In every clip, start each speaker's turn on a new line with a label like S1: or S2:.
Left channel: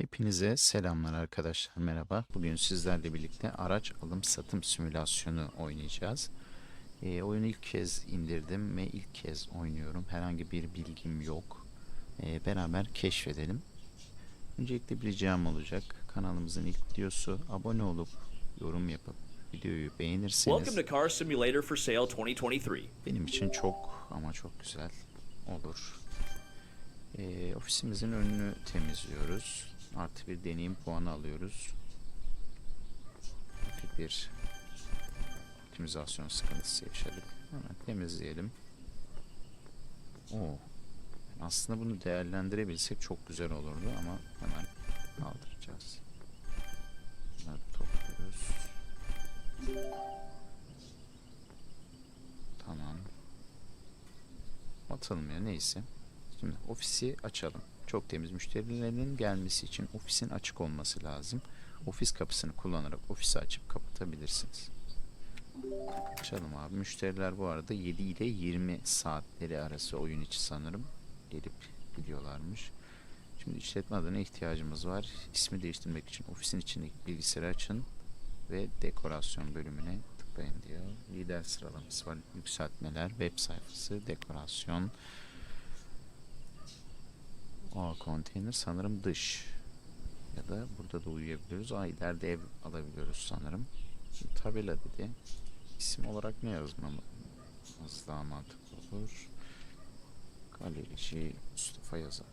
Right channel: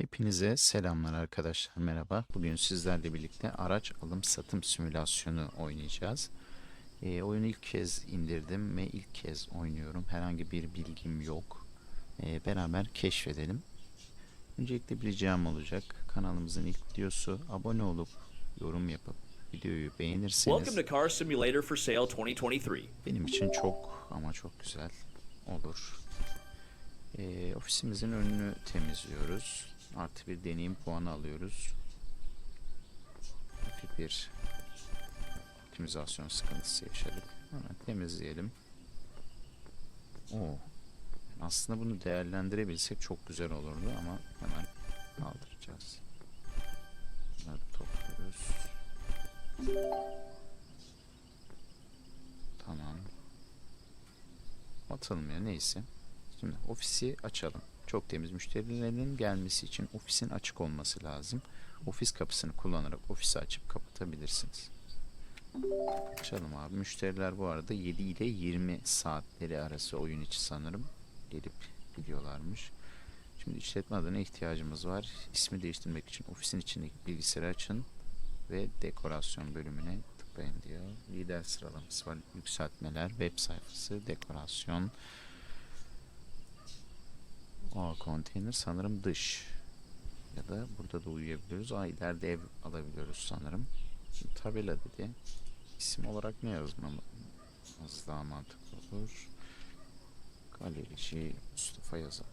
S1: Hepinize selamlar arkadaşlar merhaba. Bugün sizlerle birlikte araç alım satım simülasyonu oynayacağız. Ee, oyunu ilk kez indirdim ve ilk kez oynuyorum. Herhangi bir bilgim yok. Ee, beraber keşfedelim. Öncelikle bir ricam olacak. Kanalımızın ilk videosu. Abone olup yorum yapıp videoyu beğenirseniz
S2: Welcome to Car Simulator for Sale 2023.
S1: benim için çok ama çok güzel olur. Ee, ofisimizin önünü temizliyoruz. Artı bir deneyim puanı alıyoruz. Hafif bir optimizasyon sıkıntısı yaşadık. Hemen temizleyelim. Oo. Aslında bunu değerlendirebilsek çok güzel olurdu ama hemen kaldıracağız. Bunları topluyoruz. Tamam. Ya neyse. Şimdi ofisi açalım. Çok temiz müşterilerin gelmesi için ofisin açık olması lazım. Ofis kapısını kullanarak ofisi açıp kapatabilirsiniz. Açalım abi. Müşteriler bu arada 7 ile 20 saatleri arası oyun içi sanırım gelip gidiyorlarmış. Şimdi işletme adına ihtiyacımız var. İsmi değiştirmek için ofisin içindeki bilgisayarı açın ve dekorasyon bölümüne tıklayın diyor. Lider sıralaması var. Yükseltmeler, web sayfası, dekorasyon. Aa konteyner sanırım dış. Ya da burada da uyuyabiliyoruz. Aa ileride ev alabiliyoruz sanırım. Şimdi tabela dedi. İsim olarak ne yazmamız daha mantıklı olur. Galerici Mustafa yazalım.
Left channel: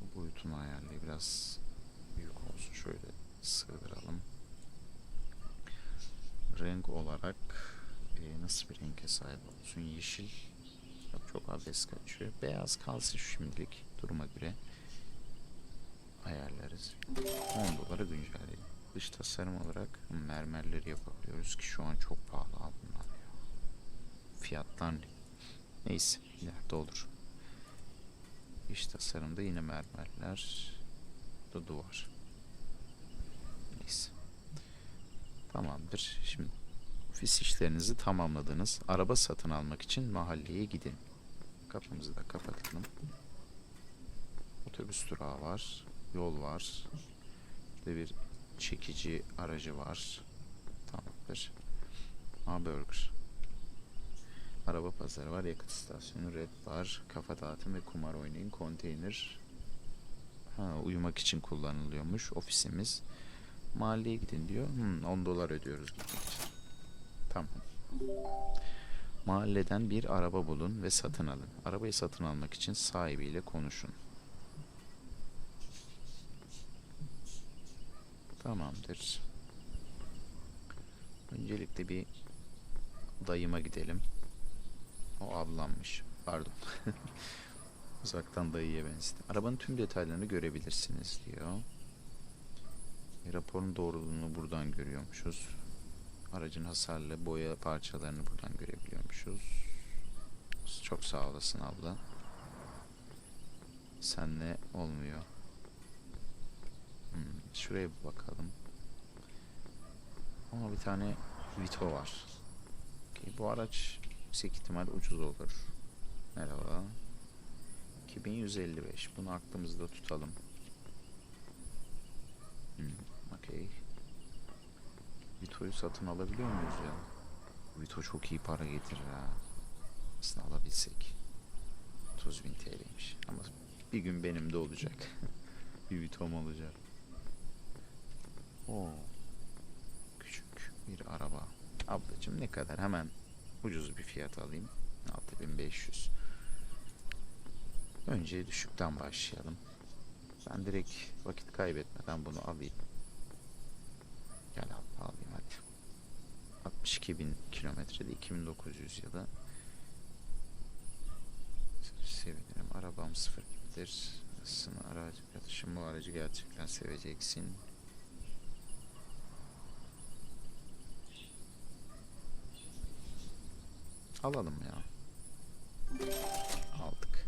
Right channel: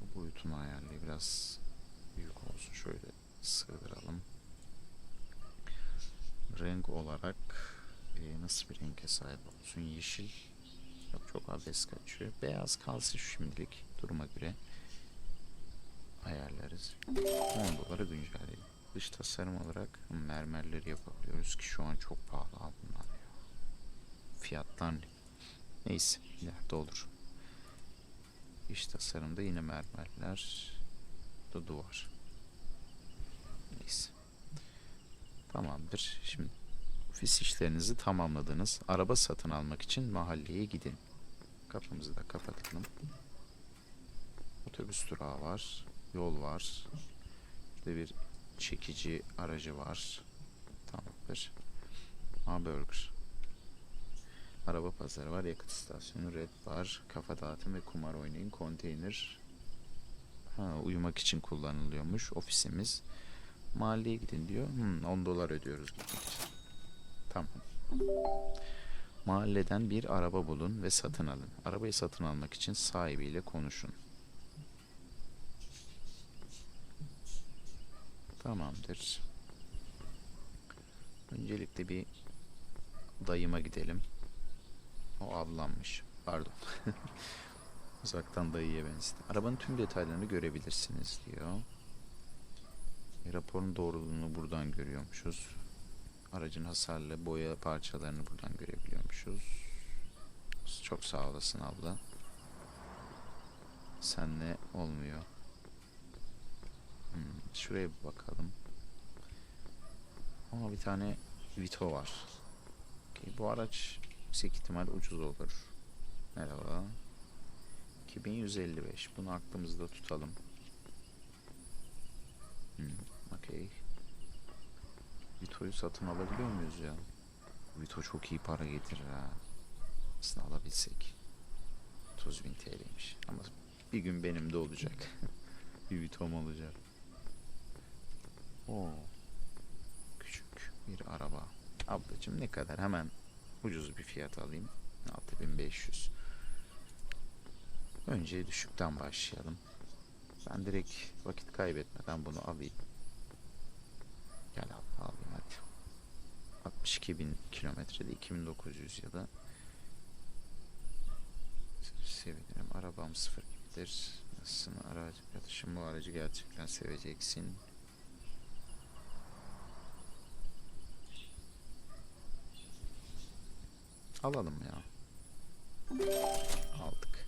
S1: Bu boyutunu ayarlayı biraz büyük olsun. Şöyle sığdıralım. Renk olarak e, nasıl bir renge sahip olsun? Yeşil çok abes kaçıyor. Beyaz kalsın şimdilik duruma göre ayarlarız. 10 dolara güncelleyelim. Dış tasarım olarak mermerleri yapabiliyoruz ki şu an çok pahalı abi bunlar ya. Fiyatlar ne? Neyse ileride olur. İç tasarımda yine mermerler. Da duvar. Neyse. Tamamdır. Şimdi ofis işlerinizi tamamladınız. Araba satın almak için mahalleye gidin. Kapımızı da kapatalım. Otobüs durağı var. Yol var. Burada bir çekici aracı var. Tamamdır. Hamburger. Araba pazarı var. Yakıt istasyonu. Red bar. Kafa dağıtım ve kumar oynayın. Konteyner. Ha, uyumak için kullanılıyormuş. Ofisimiz. Mahalleye gidin diyor. Hmm, 10 dolar ödüyoruz gitmek için. Tamam. Mahalleden bir araba bulun ve satın alın. Arabayı satın almak için sahibiyle konuşun. Tamamdır. Öncelikle bir dayıma gidelim. O ablammış. Pardon. Uzaktan dayıya benzedi. Arabanın tüm detaylarını görebilirsiniz diyor. E, raporun doğruluğunu buradan görüyormuşuz. Aracın hasarlı boya parçalarını buradan görebiliyormuşuz. Çok sağ olasın abla. Senle olmuyor. Hmm, şuraya bir bakalım. Ama bir tane Vito var. Okey, bu araç yüksek ihtimal ucuz olur. Merhaba. 2155. Bunu aklımızda tutalım. Hmm, okey. Vito'yu satın alabiliyor muyuz ya? Vito çok iyi para getirir ha. Aslında alabilsek. 30 bin TL'ymiş. Ama bir gün benim de olacak. bir Vito'm olacak. Oo. Küçük bir araba. Ablacım ne kadar? Hemen ucuz bir fiyat alayım. 6500. Önce düşükten başlayalım. Ben direkt vakit kaybetmeden bunu alayım. Gel al, alayım hadi. 62 bin kilometrede 2900 ya da sevinirim. Arabam sıfır gibidir. Nasılsın aracı arkadaşım bu aracı gerçekten seveceksin. Alalım ya. Aldık.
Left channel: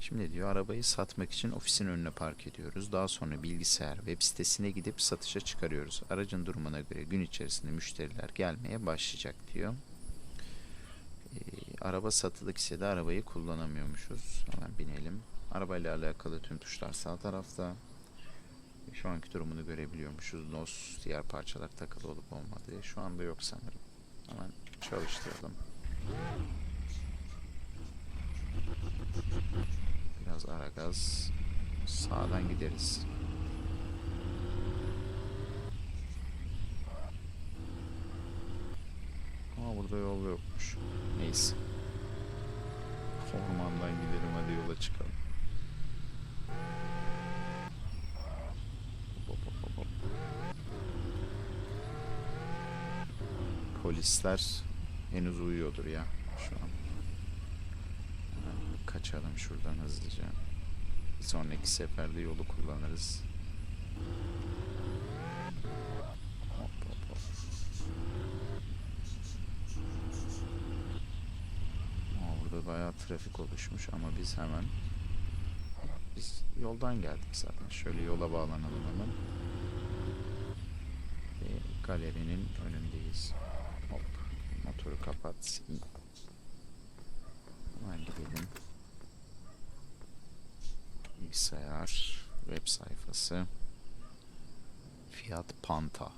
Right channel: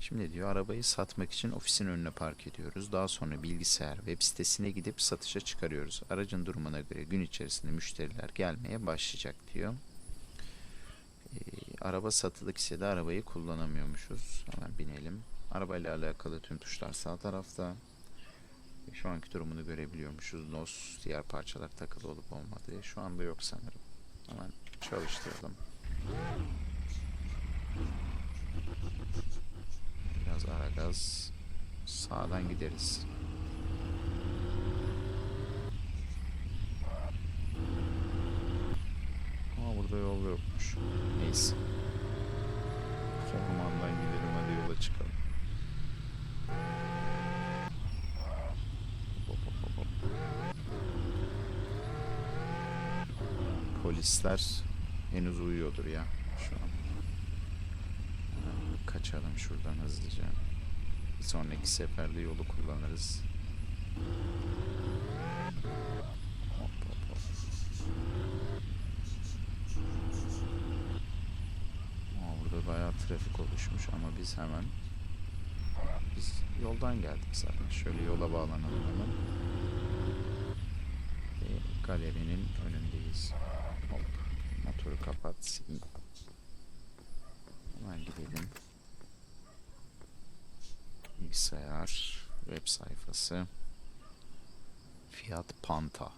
S1: Şimdi diyor arabayı satmak için ofisin önüne park ediyoruz. Daha sonra bilgisayar web sitesine gidip satışa çıkarıyoruz. Aracın durumuna göre gün içerisinde müşteriler gelmeye başlayacak diyor. Ee, araba satılık ise de arabayı kullanamıyormuşuz. Hemen binelim. Arabayla alakalı tüm tuşlar sağ tarafta. Şu anki durumunu görebiliyormuşuz. NOS diğer parçalar takılı olup olmadığı. Şu anda yok sanırım. Hemen çalıştıralım. Biraz ara gaz. Sağdan gideriz. Ama burada yol yokmuş. Neyse. Ormandan gidelim hadi yola çıkalım. Polisler henüz uyuyordur ya şu an. Kaçalım şuradan hızlıca. Bir sonraki seferde yolu kullanırız. Hop hop hop. Aa, burada bayağı trafik oluşmuş ama biz hemen biz yoldan geldik zaten. Şöyle yola bağlanalım hemen. Ve galerinin önündeyiz. Hop. Motoru kapat. Hemen gidelim. Bilgisayar, web sayfası. Fiat Panta.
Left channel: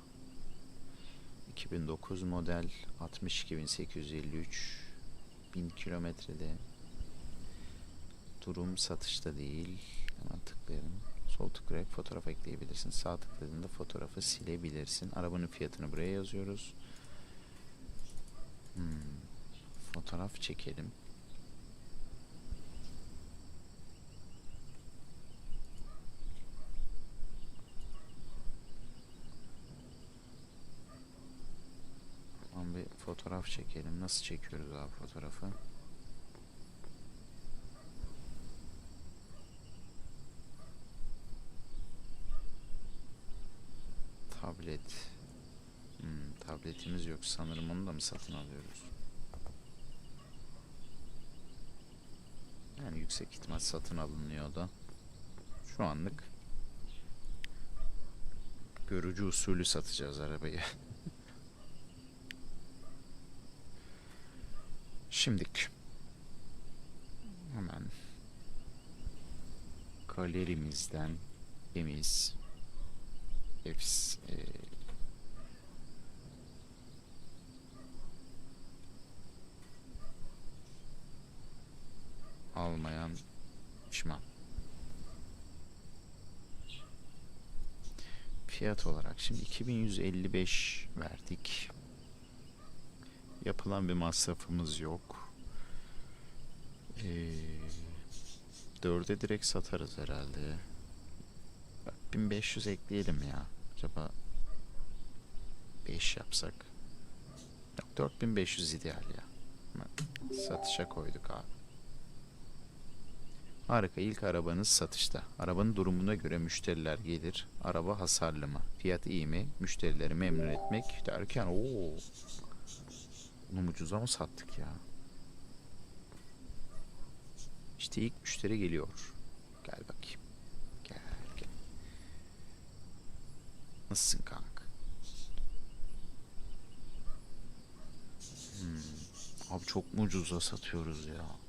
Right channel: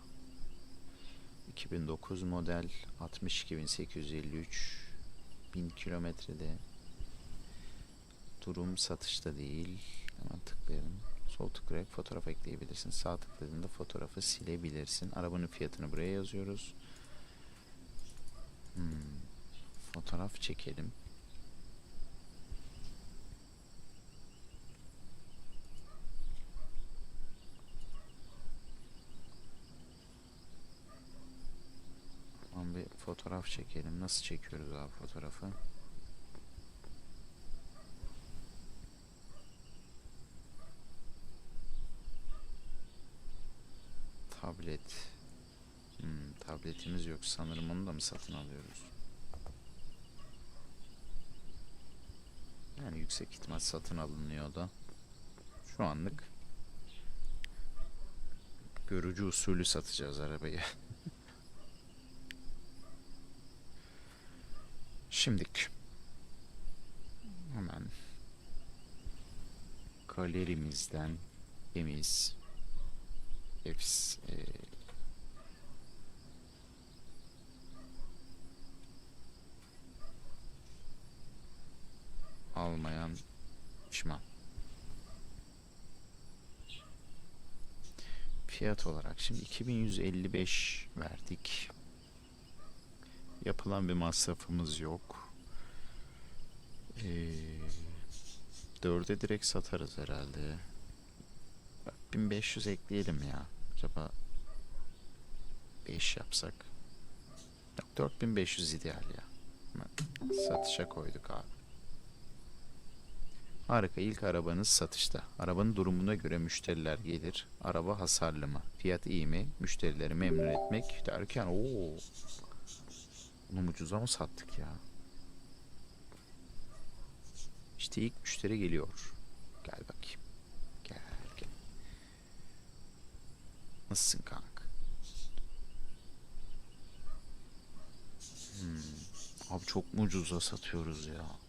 S1: 2009 model 62853 1000 kilometrede durum satışta değil hemen tıklayalım sol tıklayarak fotoğraf ekleyebilirsin sağ tıkladığında fotoğrafı silebilirsin arabanın fiyatını buraya yazıyoruz Hmm, fotoğraf çekelim Tamam bir fotoğraf çekelim. Nasıl çekiyoruz abi fotoğrafı? Tablet. Tabletimiz yok. Sanırım onu da mı satın alıyoruz? Yani yüksek ihtimal satın alınıyor da. Şu anlık görücü usulü satacağız arabayı. Şimdilik hemen galerimizden temiz efs e, pişman. Fiyat olarak şimdi 2155 verdik. Yapılan bir masrafımız yok. Ee, dörde direkt satarız herhalde. Bak, 1500 ekleyelim ya. Acaba 5 yapsak. Yok 4500 ideal ya. Satışa koyduk abi. Harika ilk arabanız satışta. Arabanın durumuna göre müşteriler gelir. Araba hasarlı mı? Fiyat iyi mi? Müşterileri memnun etmek derken ooo bunu ucuza mı sattık ya? İşte ilk müşteri geliyor. Gel bakayım. Gel gel. Nasılsın kanka? Hmm. Abi çok mu ucuza satıyoruz ya?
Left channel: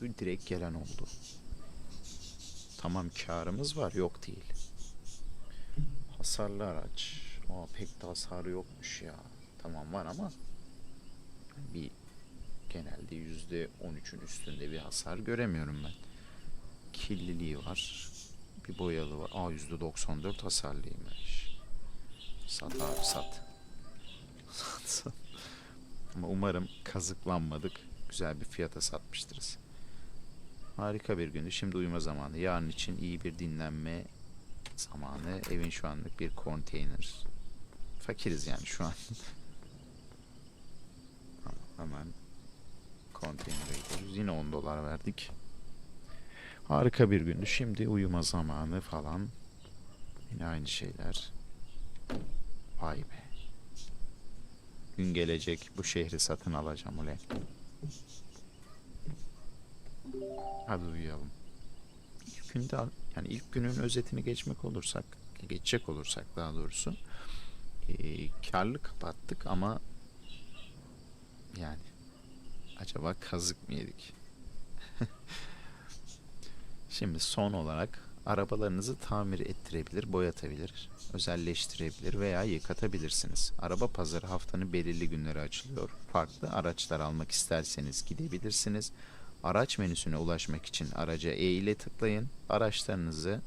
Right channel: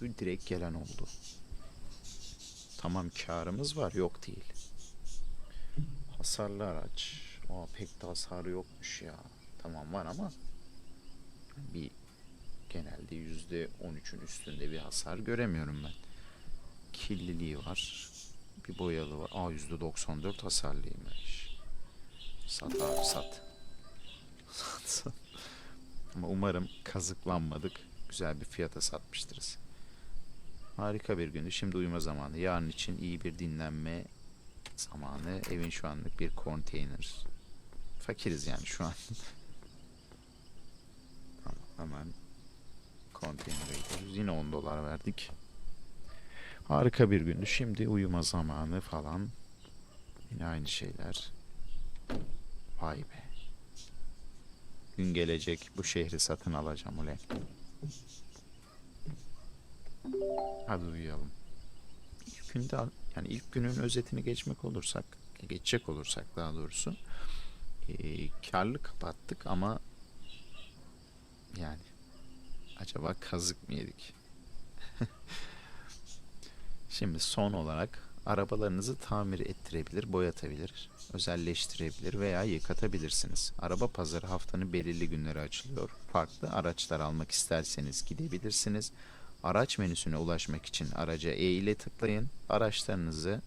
S1: Çünkü direkt gelen oldu. Tamam karımız var yok değil. Hasarlı araç. Aa pek de hasarı yokmuş ya. Tamam var ama bir genelde yüzde 13'ün üstünde bir hasar göremiyorum ben. Kirliliği var. Bir boyalı var. Aa yüzde 94 hasarlıymış. Sat abi sat. Sat sat. Ama umarım kazıklanmadık. Güzel bir fiyata satmıştırız. Harika bir gündü. Şimdi uyuma zamanı. Yarın için iyi bir dinlenme zamanı. Evin şu anlık bir konteyner. Fakiriz yani şu an. Hemen konteynere gidiyoruz. Yine 10 dolar verdik. Harika bir gündü. Şimdi uyuma zamanı falan. Yine aynı şeyler. Vay be. Gün gelecek bu şehri satın alacağım ulan. Hadi uyuyalım. İlk günde yani ilk günün özetini geçmek olursak, geçecek olursak daha doğrusu e, karlı kapattık ama yani acaba kazık mı yedik? Şimdi son olarak arabalarınızı tamir ettirebilir, boyatabilir, özelleştirebilir veya yıkatabilirsiniz. Araba pazarı haftanın belirli günleri açılıyor. Farklı araçlar almak isterseniz gidebilirsiniz. Araç menüsüne ulaşmak için araca E ile tıklayın. Araçlarınızı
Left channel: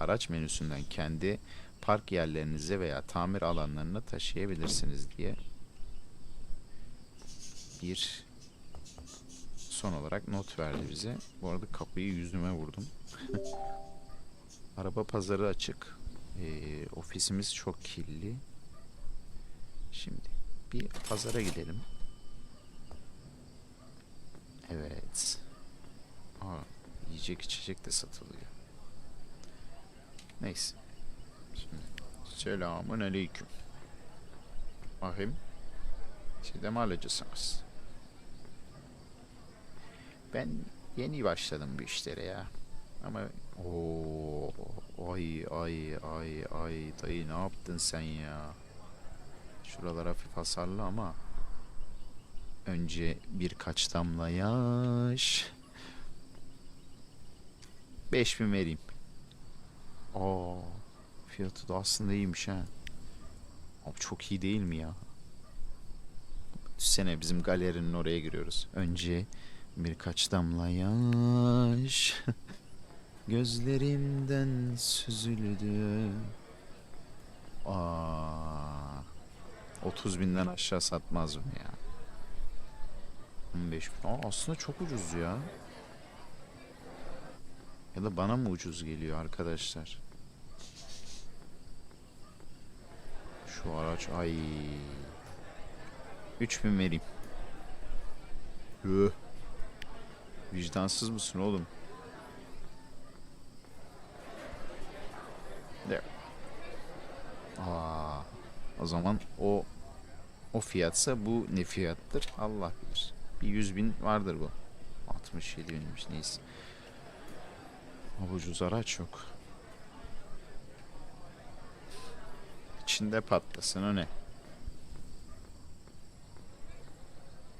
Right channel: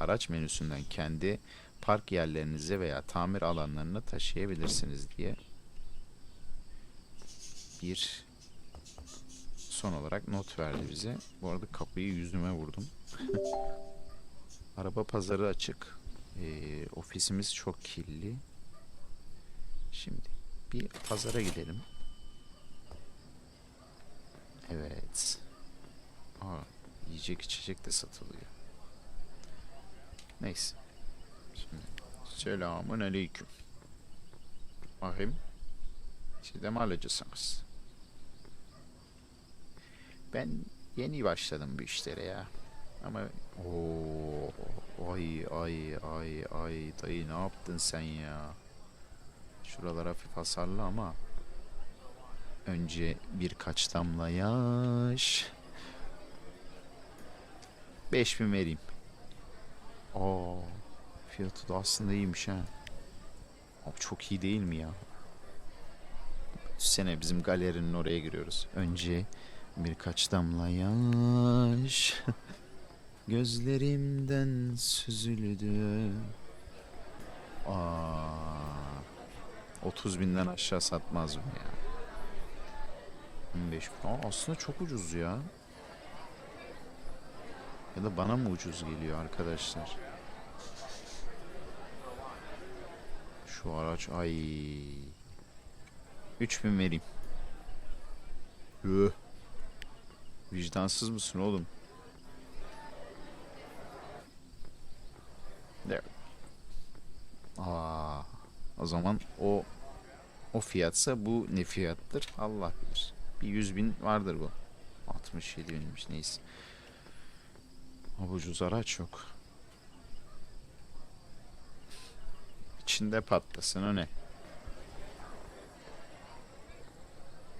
S1: araç menüsünden kendi park yerlerinize veya tamir alanlarına taşıyabilirsiniz diye bir son olarak not verdi bize. Bu arada kapıyı yüzüme vurdum. Araba pazarı açık. Ee, ofisimiz çok kirli. Şimdi bir pazara gidelim. Evet. Aa, yiyecek içecek de satılıyor. Neyse. Şimdi selamun aleyküm. Bakayım. Siz de mi alacaksınız? Ben yeni başladım bu işlere ya. Ama o ay ay ay ay dayı ne yaptın sen ya? Şuralar hafif hasarlı ama önce birkaç damla yaş. 5000 vereyim. Aa, fiyatı da aslında iyiymiş ha. Abi çok iyi değil mi ya? Sene bizim galerinin oraya giriyoruz. Önce birkaç damla yaş gözlerimden süzüldü. Aa, 30 binden aşağı satmaz mı ya? 15 bin. Aa, aslında çok ucuz ya. Ya da bana mı ucuz geliyor arkadaşlar? Şu araç ay 3000 vereyim. Üh. Vicdansız mısın oğlum? There. Aa, o zaman o o fiyatsa bu ne fiyattır? Allah bilir. Bir 100 bin vardır bu. 67 binmiş neyse. Ama ucuz araç yok. İçinde patlasın o ne?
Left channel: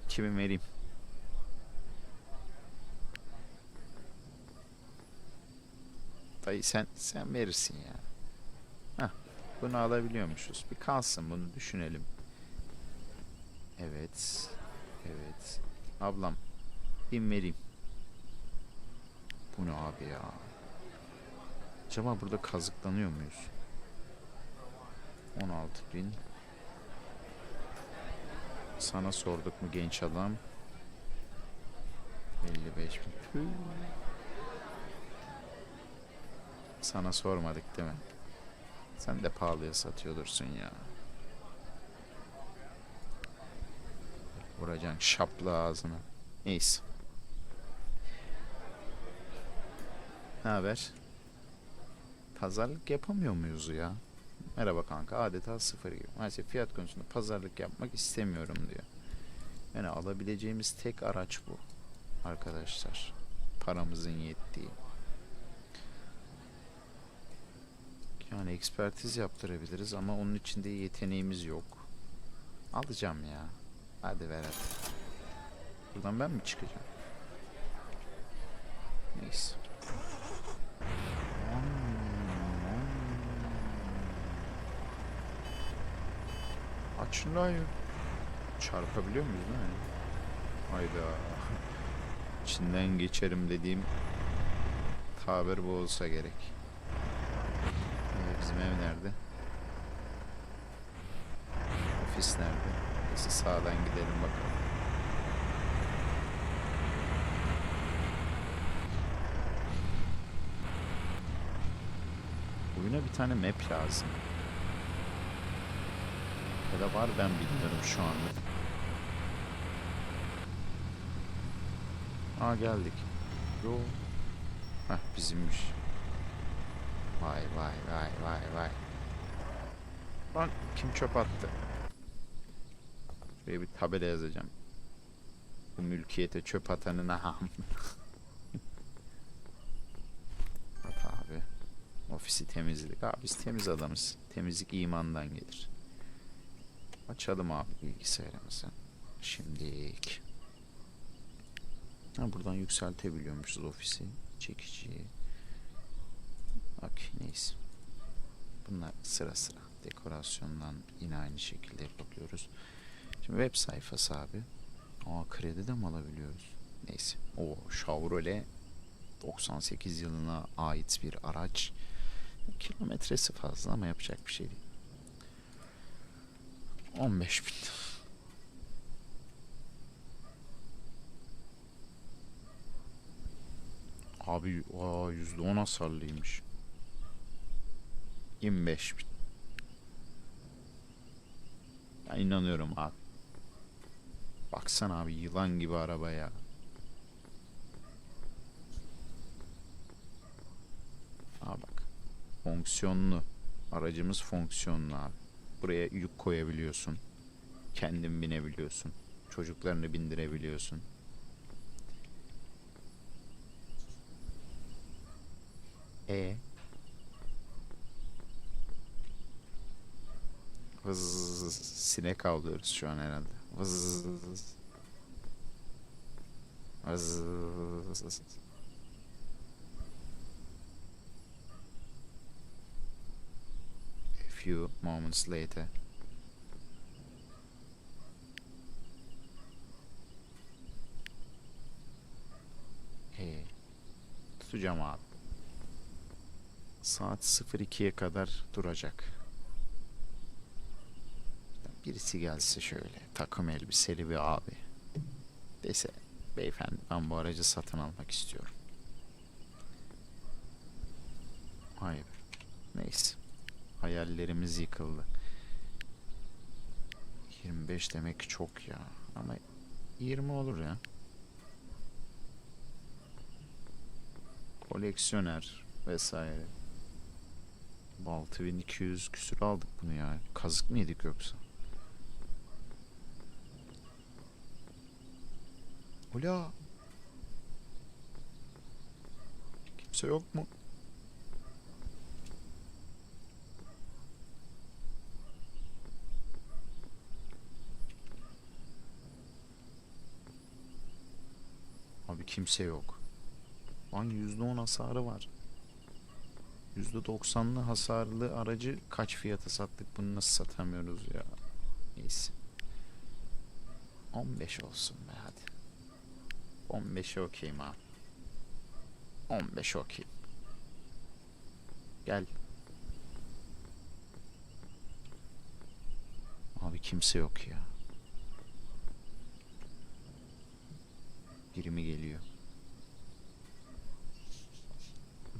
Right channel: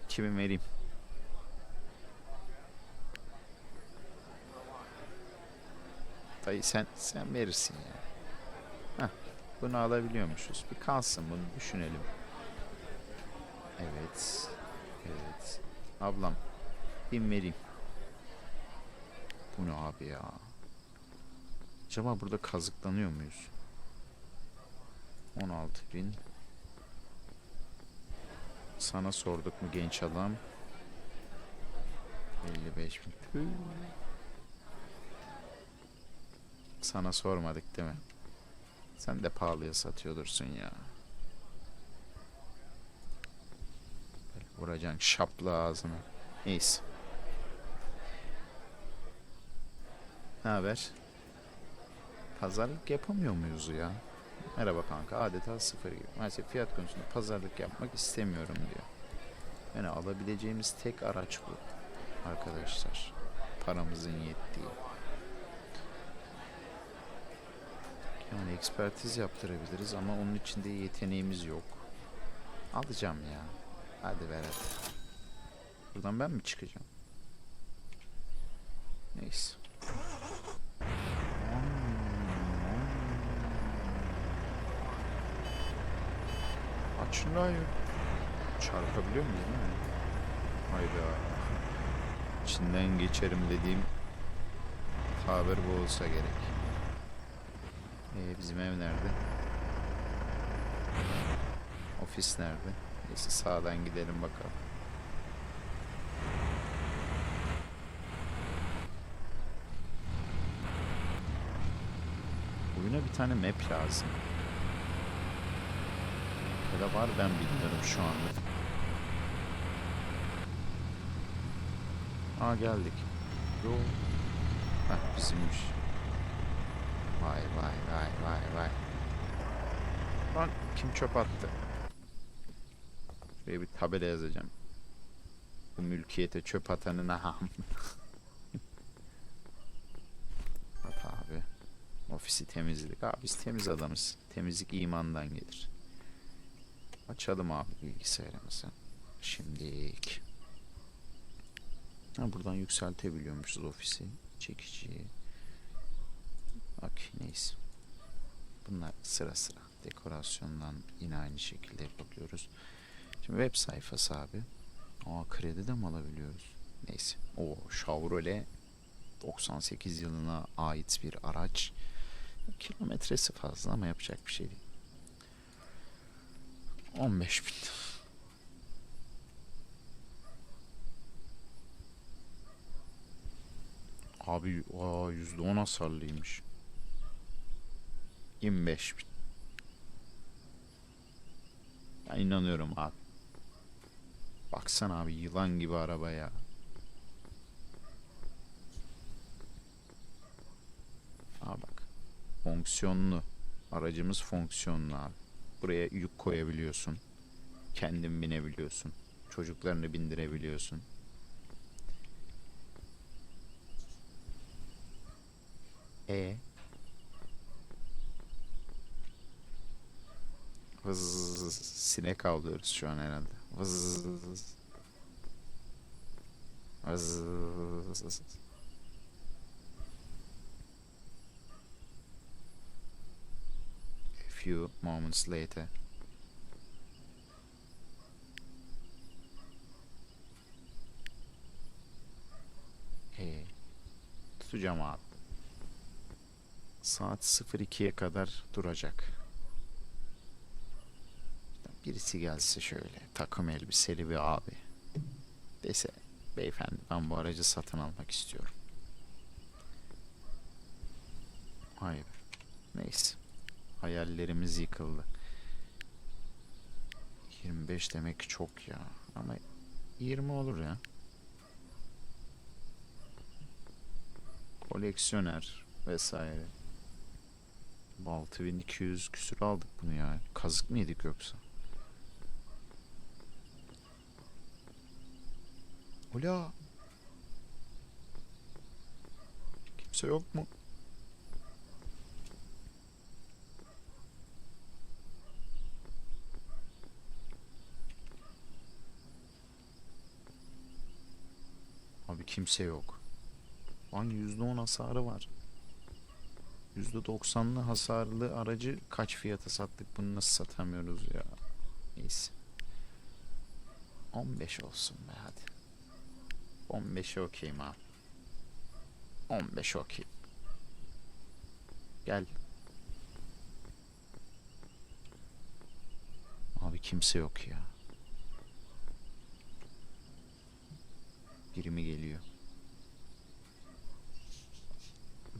S1: 2000 vereyim. Dayı sen sen verirsin ya. Heh, bunu alabiliyormuşuz. Bir kalsın bunu düşünelim. Evet. Evet. Ablam bin vereyim. Bu ne abi ya? Acaba burada kazıklanıyor muyuz? 16 bin. Sana sorduk mu genç adam? 55 bin. Sana sormadık değil mi? Sen de pahalıya satıyordursun ya. Vuracaksın şaplı ağzına. Neyse. Ne haber? Pazarlık yapamıyor muyuz ya? Merhaba kanka adeta sıfır gibi. Maalesef fiyat konusunda pazarlık yapmak istemiyorum diyor. Yani alabileceğimiz tek araç bu. Arkadaşlar. Paramızın yettiği. Yani ekspertiz yaptırabiliriz ama onun için de yeteneğimiz yok. Alacağım ya. Hadi hadi. Buradan ben mi çıkacağım? Neyse. Aç şunu hayır. Çarpabiliyor muyuz değil mi? Hayda. İçinden geçerim dediğim tabir bu olsa gerek. Ee, bizim ev nerede? Ofis nerede? Neyse sağdan gidelim bakalım. Oyuna bir tane map lazım. Ya da var ben bilmiyorum şu anda. Aa geldik. Yo. Heh bizimmiş. Vay vay vay vay vay. Lan kim çöp attı? Şuraya bir tabela yazacağım. Bu mülkiyete çöp atanın aham. At abi. Ofisi temizledik. Abi biz temiz adamız. Temizlik imandan gelir. Açalım abi bilgisayarımızı. Şimdilik. Ha buradan yükseltebiliyormuşuz ofisi. Çekici. Okey neyse. Bunlar sıra sıra. Dekorasyondan yine aynı şekilde yapabiliyoruz. Şimdi web sayfası abi. Aa kredi de mi alabiliyoruz? Neyse. O Chevrolet 98 yılına ait bir araç. Kilometresi fazla ama yapacak bir şey değil. 15 bin. Abi aa, %10 hasarlıymış. 25 bin. Ben inanıyorum abi. Baksana abi yılan gibi araba ya. Aa bak. Fonksiyonlu. Aracımız fonksiyonlu abi. Buraya yük koyabiliyorsun. Kendin binebiliyorsun. Çocuklarını bindirebiliyorsun. E Vız sinek avlıyoruz şu an herhalde. Vız Vız A few moments later. Ee, tutacağım abi. Saat 02'ye kadar duracak. Birisi gelse şöyle takım elbiseli bir abi. Dese beyefendi ben bu aracı satın almak istiyorum. Hayır. Neyse. Hayallerimiz yıkıldı. 25 demek çok ya. Ama 20 olur ya. Koleksiyoner vesaire. 6200 küsür aldık bunu ya. Kazık mı yedik yoksa? Ula. Kimse yok mu? Abi kimse yok. Lan %10 hasarı var. %90'lı hasarlı aracı kaç fiyata sattık bunu nasıl satamıyoruz ya. Neyse. 15 olsun be hadi. 15'e okeyim abi. 15 okey. Gel. Abi kimse yok ya. Biri mi geliyor?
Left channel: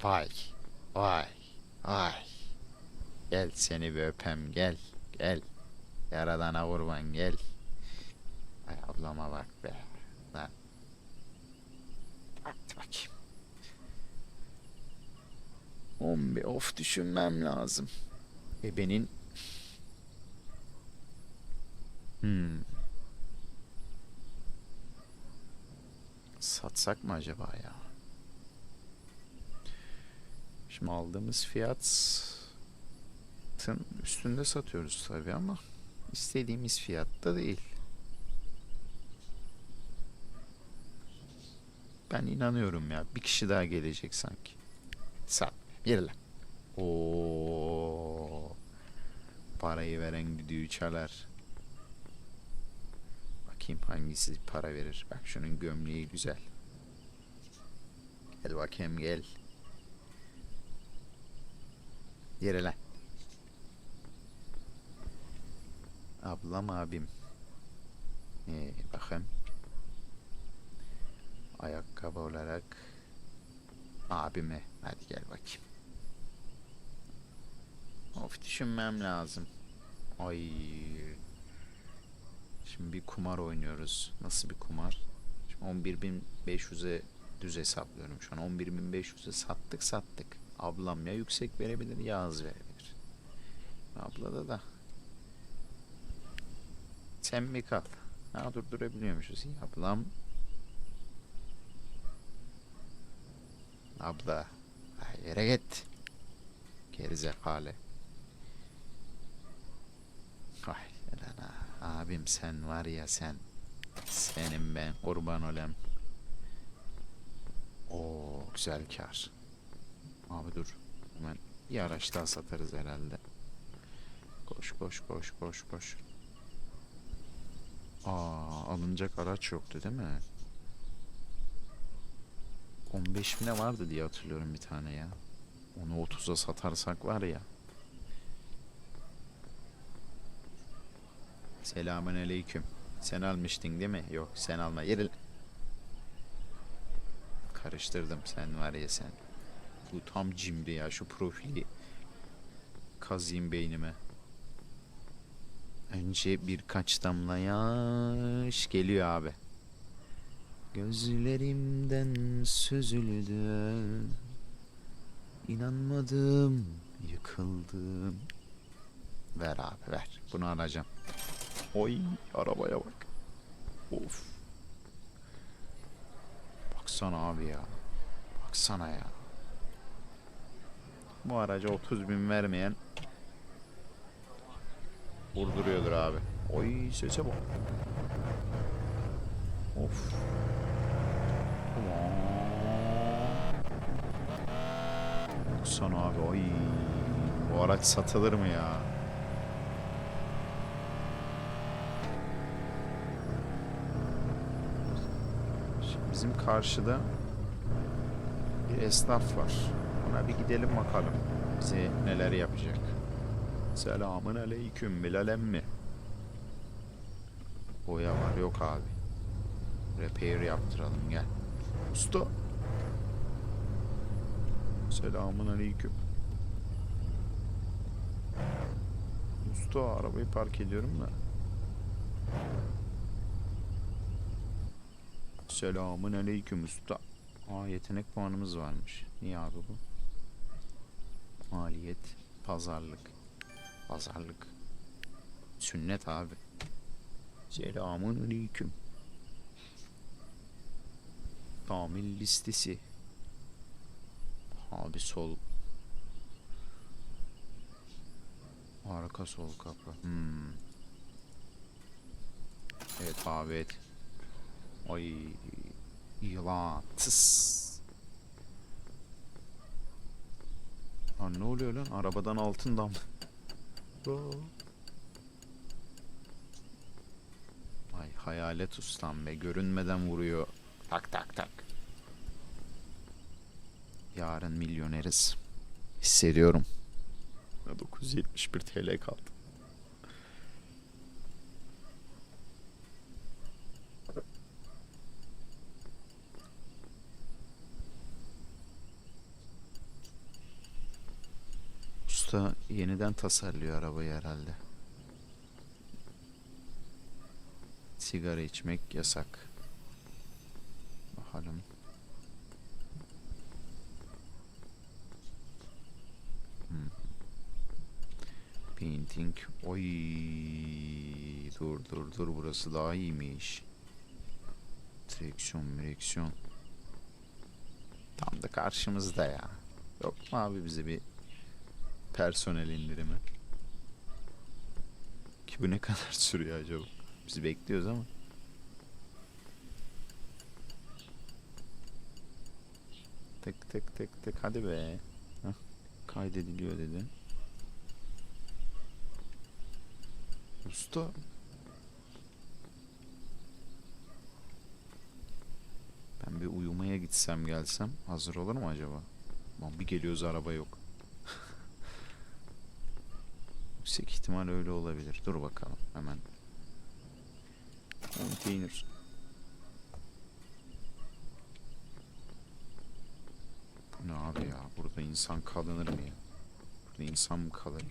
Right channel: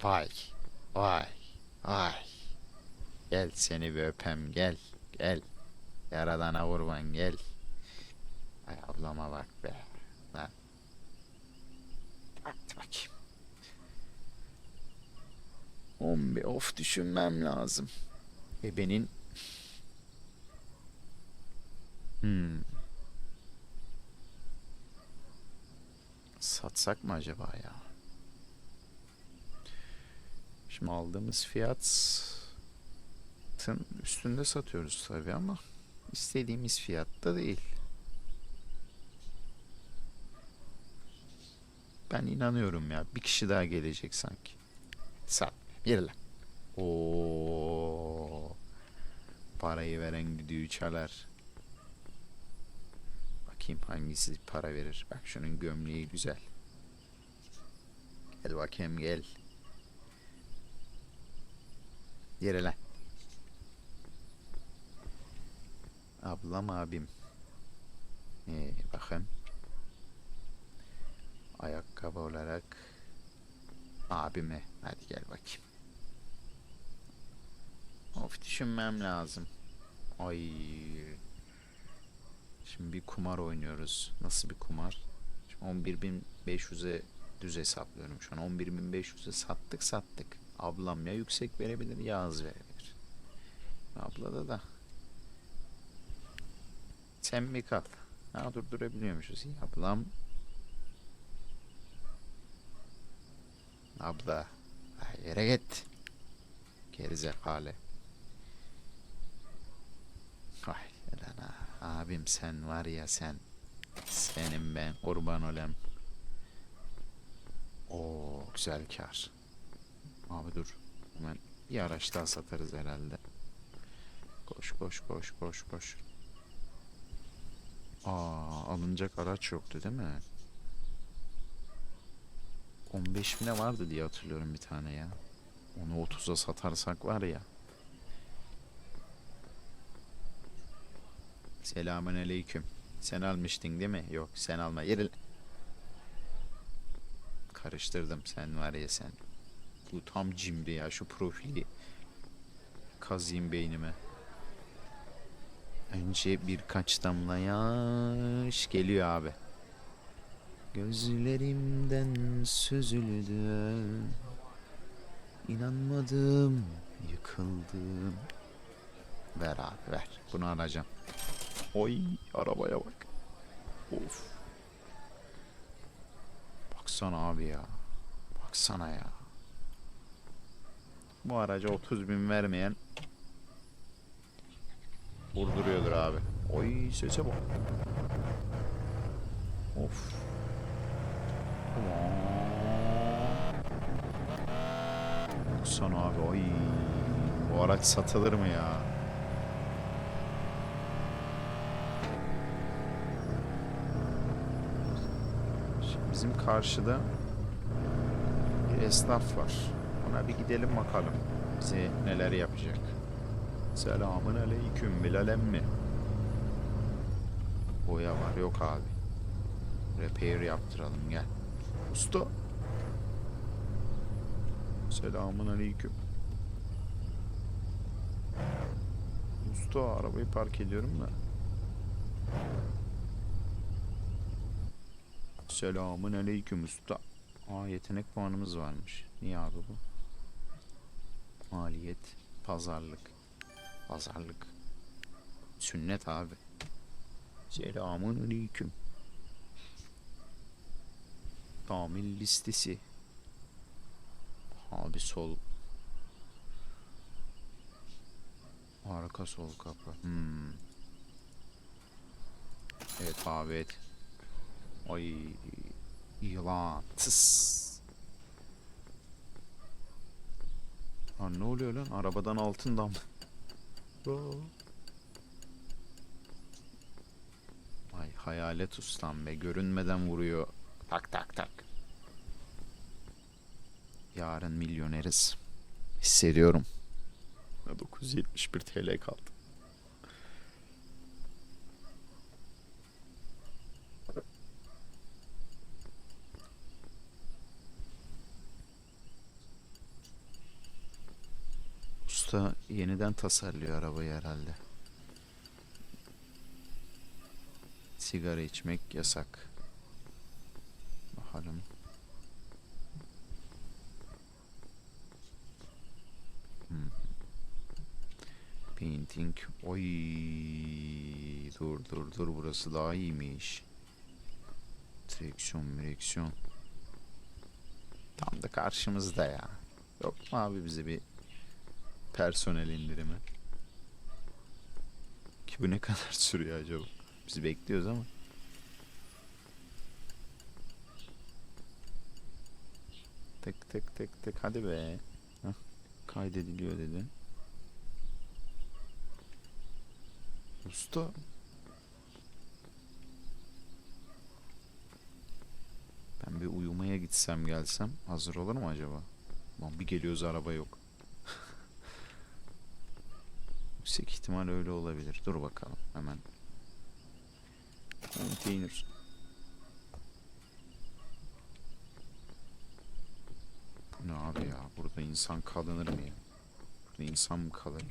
S1: Vay. Vay. Vay. Gel seni bir öpem gel. Gel. Yaradana kurban gel. Ay ablama bak be. Lan. Hadi bakayım. 11 of düşünmem lazım. Ebenin Hmm. Satsak mı acaba ya? Şimdi aldığımız fiyatın üstünde satıyoruz tabii ama istediğimiz fiyatta değil. Ben inanıyorum ya. Bir kişi daha gelecek sanki. Sat. Yürü lan. Oo. Parayı veren düdüğü çalar. Bakayım hangisi para verir. Bak şunun gömleği güzel. Gel bakayım gel. Yere lan. Ablam abim. Ee, bakın. Ayakkabı olarak abime. Hadi gel bakayım. Of düşünmem lazım. Ay. Şimdi bir kumar oynuyoruz. Nasıl bir kumar? Şimdi 11.500'e düz hesaplıyorum. Şu an 11.500'e sattık sattık. Ablam ya yüksek verebilir ya az verebilir. Ablada da. Sen bir kal. Ha durdurabiliyormuşuz. İyi ablam. Abla. Yere git. Gerizekalı. Ay lan ha. Abim sen var ya sen. Senin ben kurban olem. Oo güzel kar. Abi dur. Hemen bir araç daha satarız herhalde. Koş koş koş koş koş. Aa alınacak araç yoktu değil mi? 15 bine vardı diye hatırlıyorum bir tane ya. Onu 30'a satarsak var ya. Selamun aleyküm. Sen almıştın değil mi? Yok sen alma. Yeri... Karıştırdım sen var ya sen. Bu tam cimri ya şu profili. Kazıyım beynime. Önce birkaç damla yaş geliyor abi. Gözlerimden süzüldü. İnanmadım, yıkıldım. Ver abi ver. Bunu alacağım. Oy arabaya bak. Of. Baksana abi ya. Baksana ya. Bu araca 30 bin vermeyen vurduruyordur abi. Oy sese bak. Of. Baksana abi oy. Bu araç satılır mı ya? Şimdi bizim karşıda bir esnaf var. Ona bir gidelim bakalım. Bize neler yapacak. Selamun aleyküm Bilal emmi. Boya var yok abi. Repair yaptıralım gel. Usta. Selamun aleyküm. Usta arabayı park ediyorum da. Selamun aleyküm usta. Aa yetenek puanımız varmış. Niye abi bu? Maliyet, pazarlık. Pazarlık. Sünnet abi. Selamun aleyküm. Tamir listesi. Abi sol. Arka sol kapı. Hmm. Evet abi evet. Ay yılan. Tıs. Lan ne oluyor lan? Arabadan altın dam. Ay hayalet ustam be. Görünmeden vuruyor. Tak tak tak. Yarın milyoneriz. Hissediyorum. 971 TL kaldı. Usta yeniden tasarlıyor arabayı herhalde. Sigara içmek yasak. Bakalım. Hmm. Painting. Oy. Dur dur dur burası daha iyiymiş. Direksiyon, direksiyon. Tam da karşımızda ya. Yok mu abi bize bir personel indirimi? Ki bu ne kadar sürüyor acaba? Biz bekliyoruz ama. Tık tık tık tık hadi be. Hah, kaydediliyor dedi. Usta. Ben bir uyumaya gitsem gelsem hazır olur mu acaba? Lan bir geliyoruz araba yok. Yüksek ihtimal öyle olabilir. Dur bakalım hemen. Container. Ne abi ya? Burada insan kalınır mı ya? Burada insan mı kalır?